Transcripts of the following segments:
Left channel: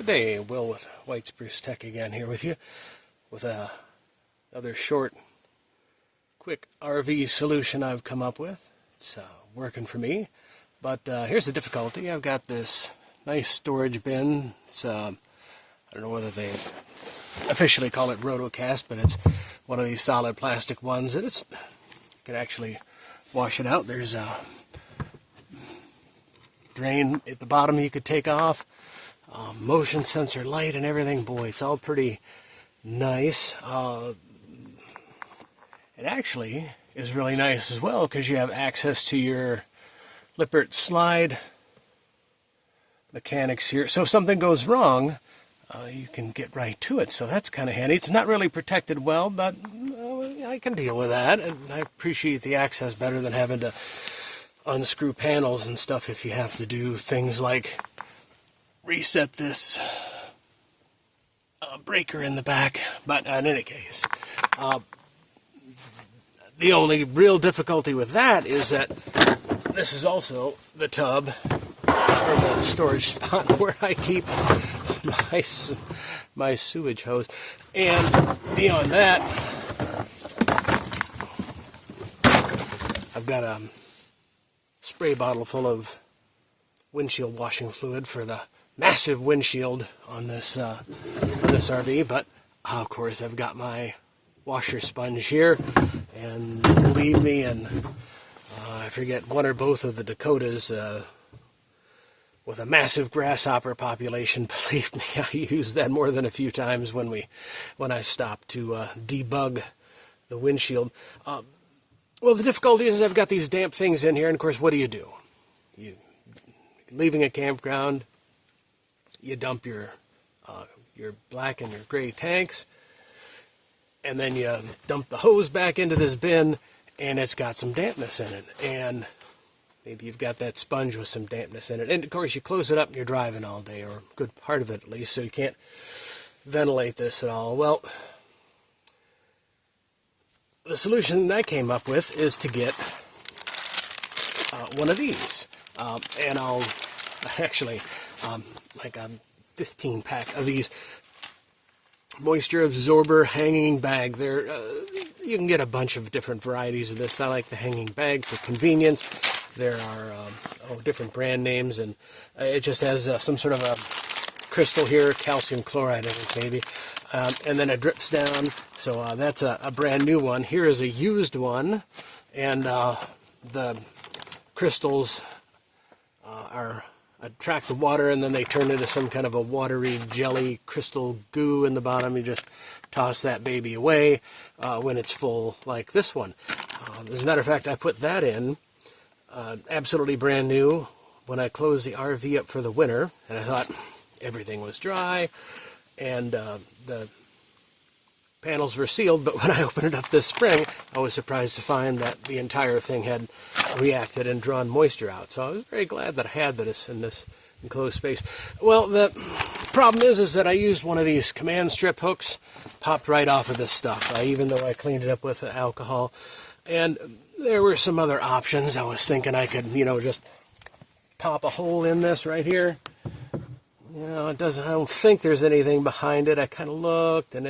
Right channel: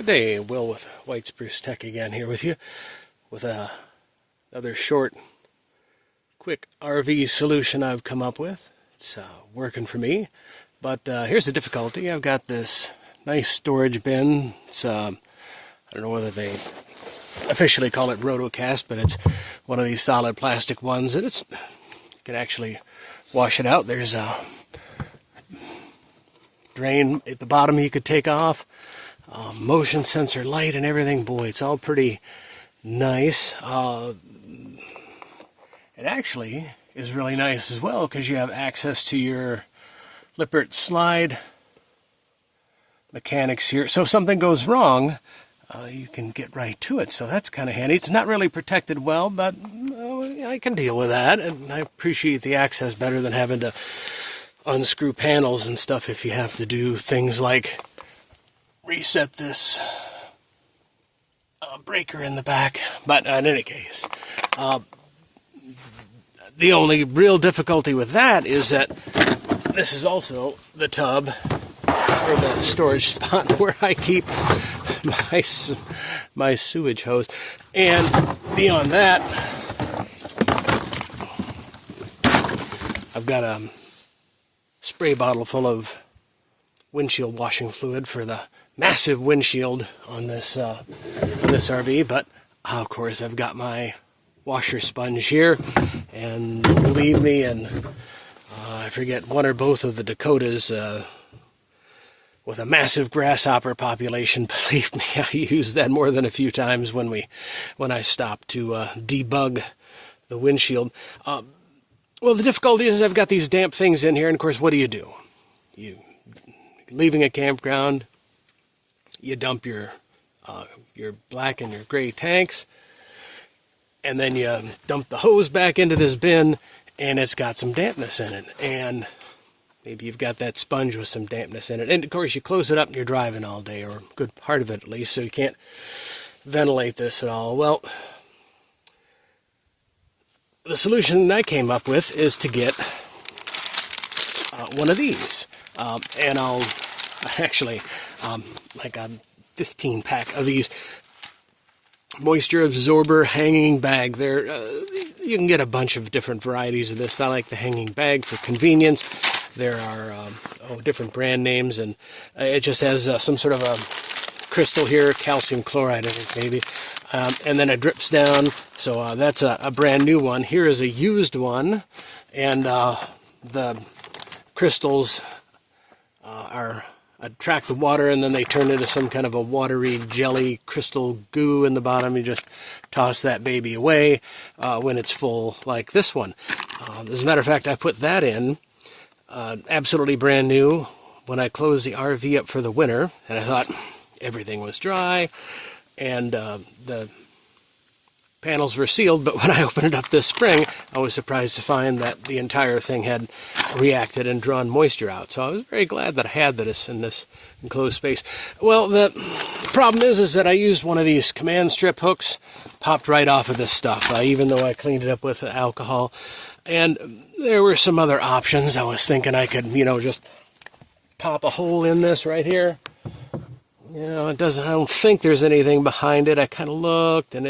Good day, Will with White Spruce Tech again here with you with another short, quick RV solution I've come up with. It's working for me, but here's the difficulty. I've got this nice storage bin. It's I don't know whether they officially call it rotocast, but it's one of these solid plastic ones, and you can actually wash it out. There's a drain at the bottom you could take off. Motion sensor light and everything. Boy, it's all pretty nice. It actually is really nice as well because you have access to your Lippert slide mechanics here. So if something goes wrong, you can get right to it. So that's kind of handy. It's not really protected well, but I can deal with that. And I appreciate the access better than having to unscrew panels and stuff if you have to do things like reset this breaker in the back. But in any case, the only real difficulty with that is that this is also the tub or the storage spot where I keep my sewage hose. And beyond that, I've got a spray bottle full of windshield washing fluid for the massive windshield on this RV, but of course I've got my washer sponge here, and believe me, and I forget one or both of the Dakotas with a massive grasshopper population. Believe me, I used that more than a few times when I stopped to debug the windshield. Well, the difficulty is I've got these damp things in here, and of course, what do? You leaving a campground, you dump your black and your gray tanks, and then you dump the hose back into this bin, and it's got some dampness in it. And maybe you've got that sponge with some dampness in it. And of course, you close it up and you're driving all day, or a good part of it at least, so you can't ventilate this at all. Well, the solution I came up with is to get one of these. And I'll actually, like a 15-pack of these moisture absorber hanging bag. You can get a bunch of different varieties of this. I like the hanging bag for convenience. There are different brand names, and it just has some sort of a crystal here, calcium chloride, I think maybe. And then it drips down. So that's a brand new one. Here is a used one, and the crystals attract the water, and then they turn into some kind of a watery jelly crystal goo in the bottom. You just toss that baby away when it's full, like this one. As a matter of fact, I put that in, absolutely brand new, when I closed the RV up for the winter, and I thought everything was dry, and the panels were sealed, but when I opened it up this spring, I was surprised to find that the entire thing had reacted and drawn moisture out. So I was very glad that I had this in this enclosed space. Well, the problem is that I used one of these command strip hooks, popped right off of this stuff, even though I cleaned it up with alcohol. And there were some other options. I was thinking I could, just pop a hole in this right here. I don't think there's anything behind it. I kind of looked, and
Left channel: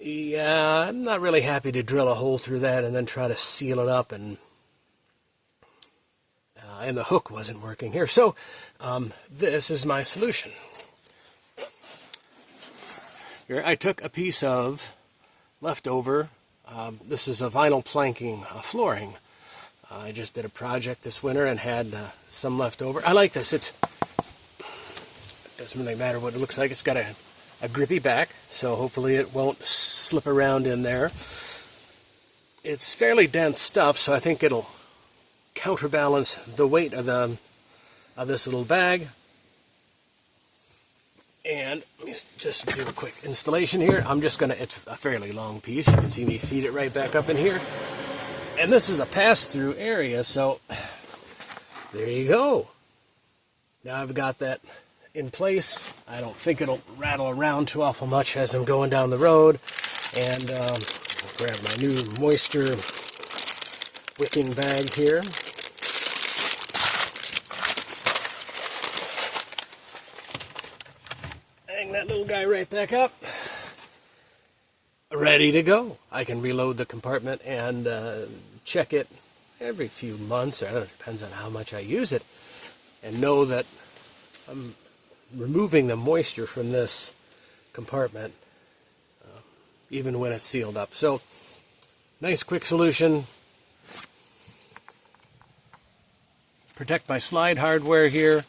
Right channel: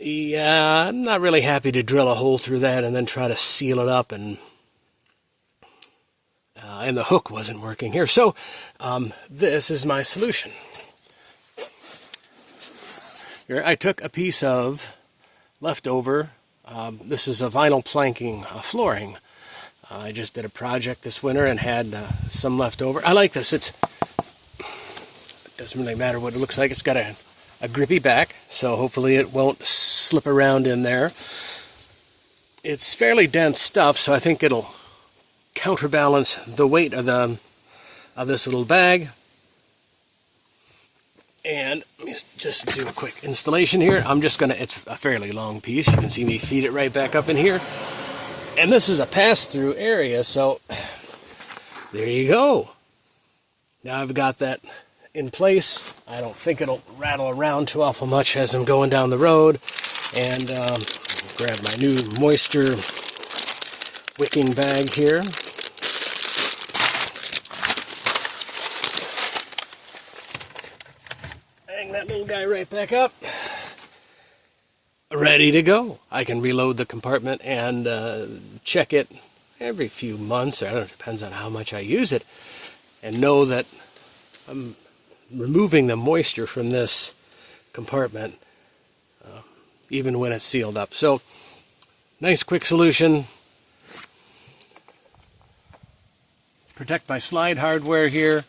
I'm not really happy to drill a hole through that and then try to seal it up, and the hook wasn't working here. So this is my solution. Here, I took a piece of leftover, this is a vinyl planking flooring. I just did a project this winter and had some left over. I like this. It doesn't really matter what it looks like. It's got a grippy back, so hopefully it won't slip around in there. It's fairly dense stuff, so I think it'll counterbalance the weight of this little bag. And let me just do a quick installation here. It's a fairly long piece. You can see me feed it right back up in here. And this is a pass-through area, so there you go. Now I've got that in place. I don't think it'll rattle around too awful much as I'm going down the road. And grab my new moisture wicking bag here. Bang that little guy right back up. Ready to go. I can reload the compartment and check it every few months. I don't know, it depends on how much I use it. And know that I'm removing the moisture from this compartment even when it's sealed up. So, nice quick solution. Protect my slide hardware here.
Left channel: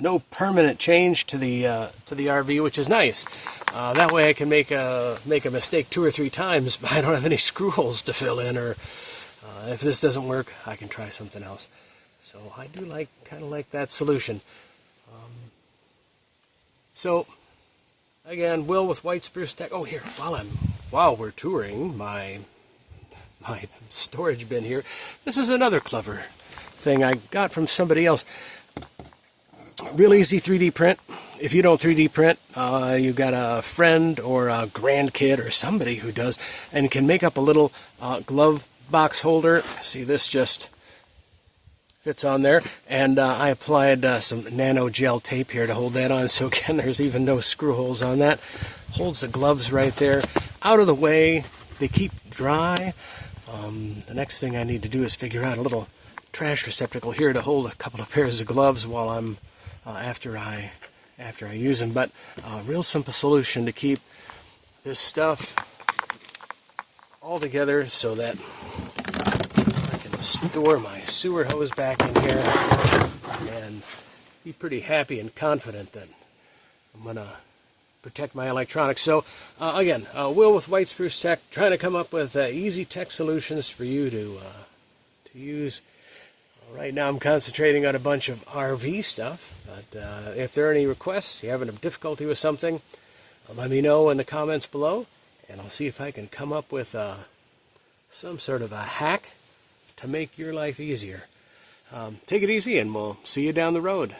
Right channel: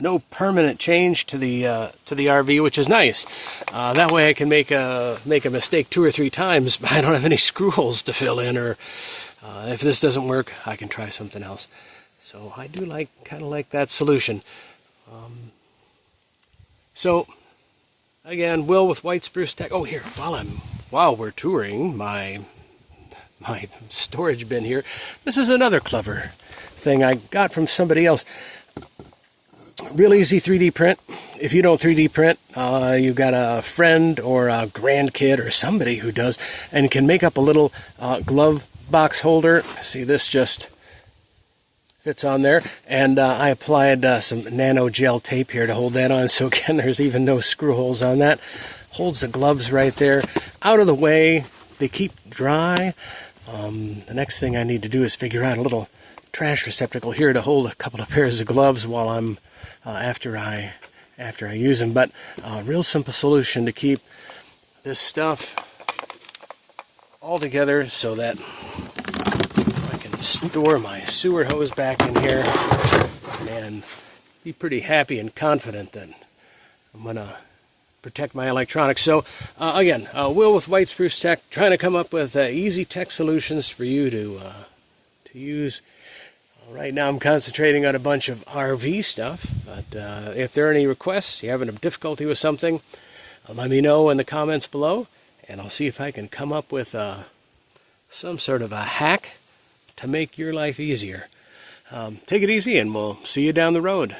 No permanent change to the RV, which is nice. That way I can make a mistake 2 or 3 times, but I don't have any screw holes to fill in, or if this doesn't work, I can try something else. So I do kind of like that solution. So again, Will with White Spruce Tech. Oh, here, while we're touring my storage bin here, this is another clever thing I got from somebody else. Real easy 3D print. If you don't 3D print, you've got a friend or a grandkid or somebody who does, and can make up a little glove box holder. See, this just fits on there, and I applied some nano gel tape here to hold that on, so again, there's even no screw holes on that. Holds the gloves right there, out of the way. They keep dry. The next thing I need to do is figure out a little trash receptacle here to hold a couple of pairs of gloves while I'm after I use them. But real simple solution to keep this stuff all together so that I can store my sewer hose back in here and be pretty happy and confident that I'm going to protect my electronics. So again, Will with White Spruce Tech, trying to come up with easy tech solutions for you to use. Right now I'm concentrating on a bunch of RV stuff, but if there are any requests, you're having a difficulty with something, let me know in the comments below, and I'll see if I can come up with some sort of a hack to make your life easier. Take it easy, and we'll see you down the road.